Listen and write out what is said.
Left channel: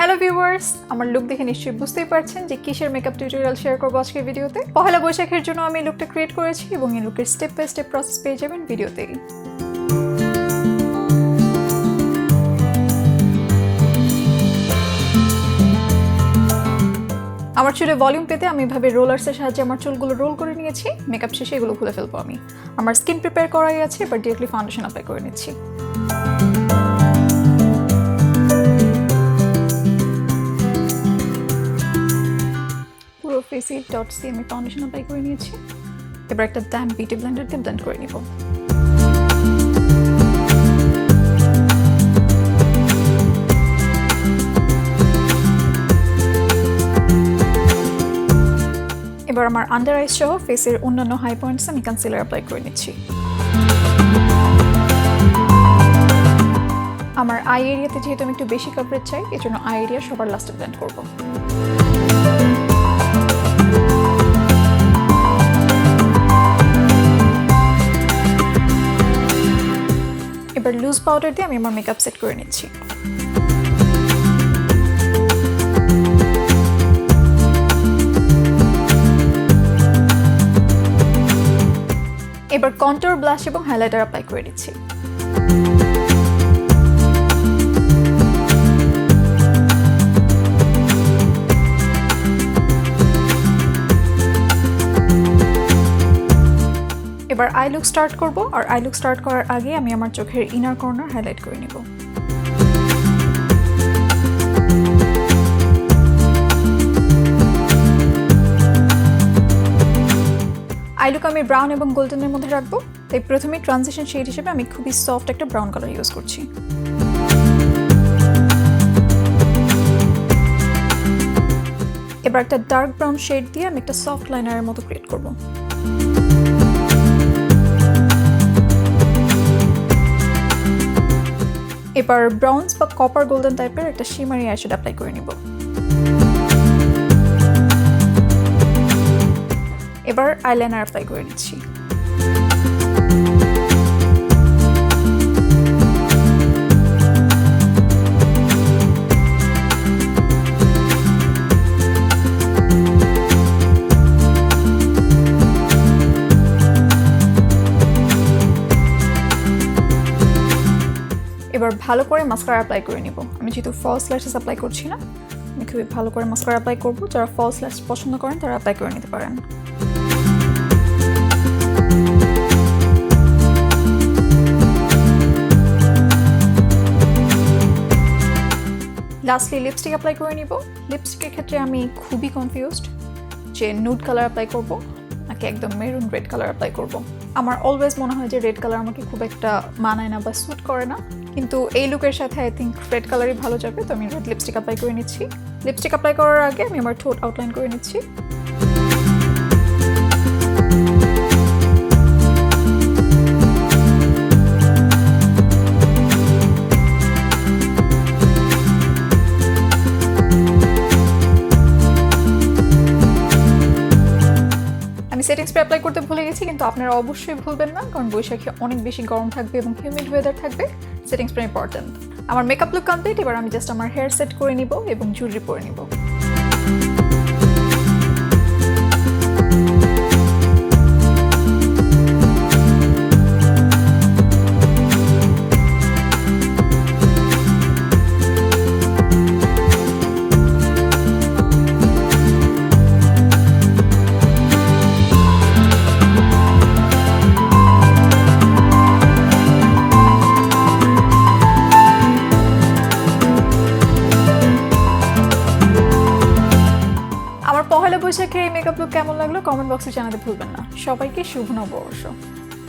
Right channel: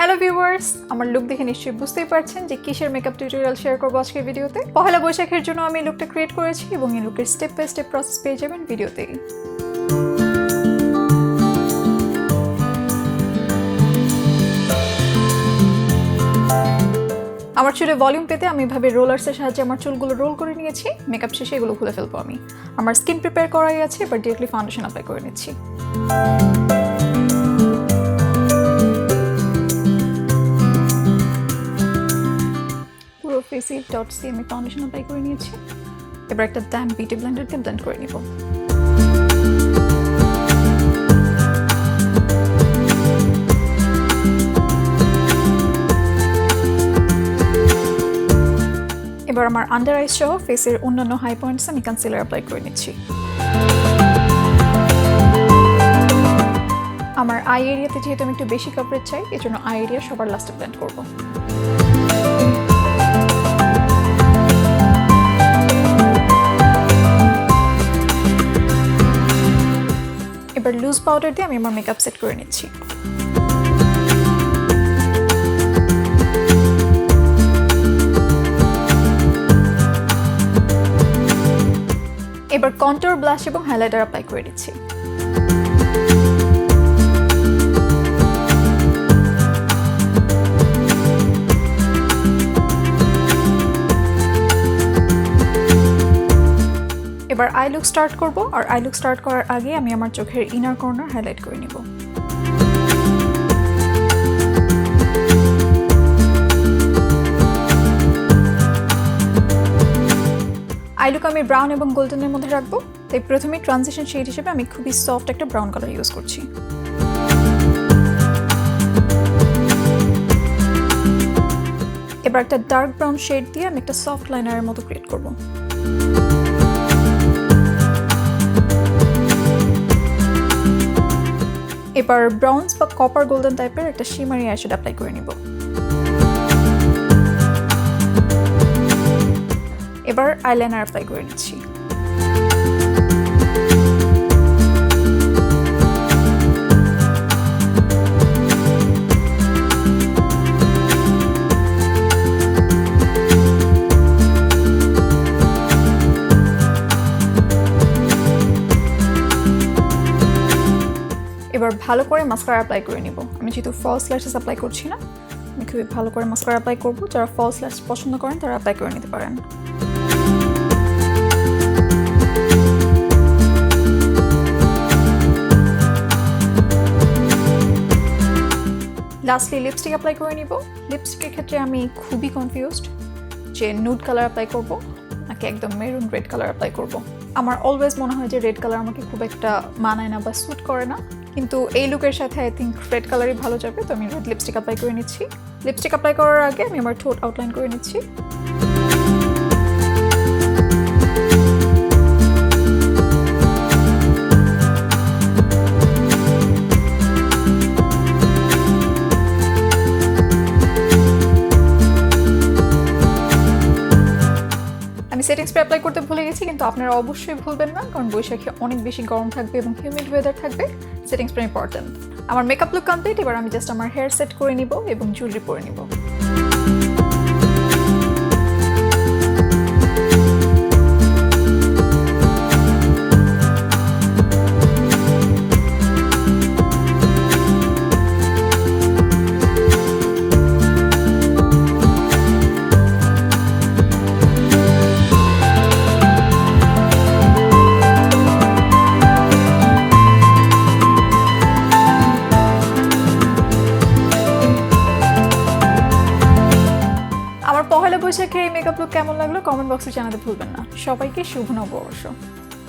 Hello viewers, আমার look দেখে নিশ্চয়ই বুঝতেই পারছেন যে কিসের মেকআপ টিউটোরিয়াল শেয়ার করবো আজকের ভিডিওতে। পহেলা বৈশাখের জন্য আমি লুকটা ক্রিয়েট করেছি এবং এই লুকের স্টেপ বাই স্টেপ প্রসেস পেয়ে যাবেন ভিডিওতেই। আমার চুলে ভলিউম পেতে আমি এভাবে রোলার্সের সাহায্যে আমার চুলগুলো রোল করে নিয়েছি। মেকআপ শেষে এগুলো খুলে ফেলবো আমি। আমার স্কিন প্রিপেয়ার করাই আছে, এবার ডিরেক্টলি ফাউন্ডেশন অ্যাপ্লাই করে নিচ্ছি। পুরো ফেসে ডটস দিয়ে আমি ফাউন্ডেশন অ্যাপ্লাই করে নিয়েছি। এবার একটা ড্যাম্প বিউটি ব্লেন্ডার দিয়ে ব্লেন্ড করে নিব। এবার আমার আন্ডার আইস সহ ফেসের অন্যান্য হাই পয়েন্টস আমি কনসিলার অ্যাপ্লাই করে নিচ্ছি। আমার আই এরিয়াতে যেহেতু আমি একটু বেশি কভারেজ চাই, এজন্য আই এরিয়া সবার লাস্টে ব্লেন্ড করব। এবার লুজ পাউডার দিয়ে আমি আমার মেকআপ সেট করে নিচ্ছি। এবার কন্ট্যুর, ব্লাশ এবং হাইলাইটার অ্যাপ্লাই করে দিচ্ছি। এবার আই লুক স্টার্ট করব, আর আই লুক স্টার্ট করার আগে আমি আমার চোখের ইনার কর্নার হাইলাইট করে নিব। আই লুক আমি ব্রাউন এবং গোল্ডেনের মধ্যে রাখবো, তাই প্রথমে ট্রানজিশন শেড হিসেবে আমি খুবই সফট একটা ব্রাউন কালার ইউজ করছি। এবার একটা ডার্ক ব্রাউন শেড দিয়ে আমি একটা সফট লাইনারের মতো ক্রিয়েট করব। এবার ব্রাউন্স বা কপার গোল্ডেন টাইপের একটা শিমারি আইশ্যাডো অ্যাপ্লাই করে নিব। এবার আইলাইনার অ্যাপ্লাই করে নিচ্ছি। এবার ভালো করে মাস্কারা অ্যাপ্লাই করে নিব। আমি যেহেতু ফলস ল্যাশেস অ্যাপ্লাই করছি না, আমি খুবই ভালো করে মাস্কারা অ্যাপ্লাই করব। যারা ফলস ল্যাশ পছন্দ করেন তারা অ্যাপ্লাই করে নিতে পারেন। লাস্টলি লিপস্টিক অ্যাপ্লাই করে নিব। লিপস্টিকের ক্ষেত্রে আমি খুবই কনফিউজড যে নুড কালার অ্যাপ্লাই করব নাকি একদম মেরুন রেড কালার অ্যাপ্লাই করব। আমার অলওয়েজ মনে হয় যে রেড কালার আমাকে খুব একটা মানায় না বা স্যুট করে না, কিন্তু এই লুকের সাথে আই থিঙ্ক রেড কালারই ভালো যাবে, তো আমি রেড লিপস্টিক অ্যাপ্লাই করে নিচ্ছি। লিপস্টিক অ্যাপ্লাই করার আগে আমি আমার ঠোঁট আউটলাইন করে নিচ্ছি। আমি সেটিং স্প্রে অ্যাপ্লাই করতে ভুলে গেছি, কিন্তু আপনারা অবশ্যই ভুলবেন না, কারণ বৈশাখে অনেক বেশি গরম থাকবে এবং হিউমিড ওয়েদার থাকবে। Setting spray important. আমার মেকআপ লুক কমপ্লিট। এবার আমি জাস্ট আমার হেয়ার সেট করে নিব এবং জুয়েলারি পরে নিব। পহেলা বৈশাখের এই মেকআপ লুক কেমন লাগলো কমেন্ট বক্সে জানাতে ভুলবেন না। সবাইকে শুভ নববর্ষ।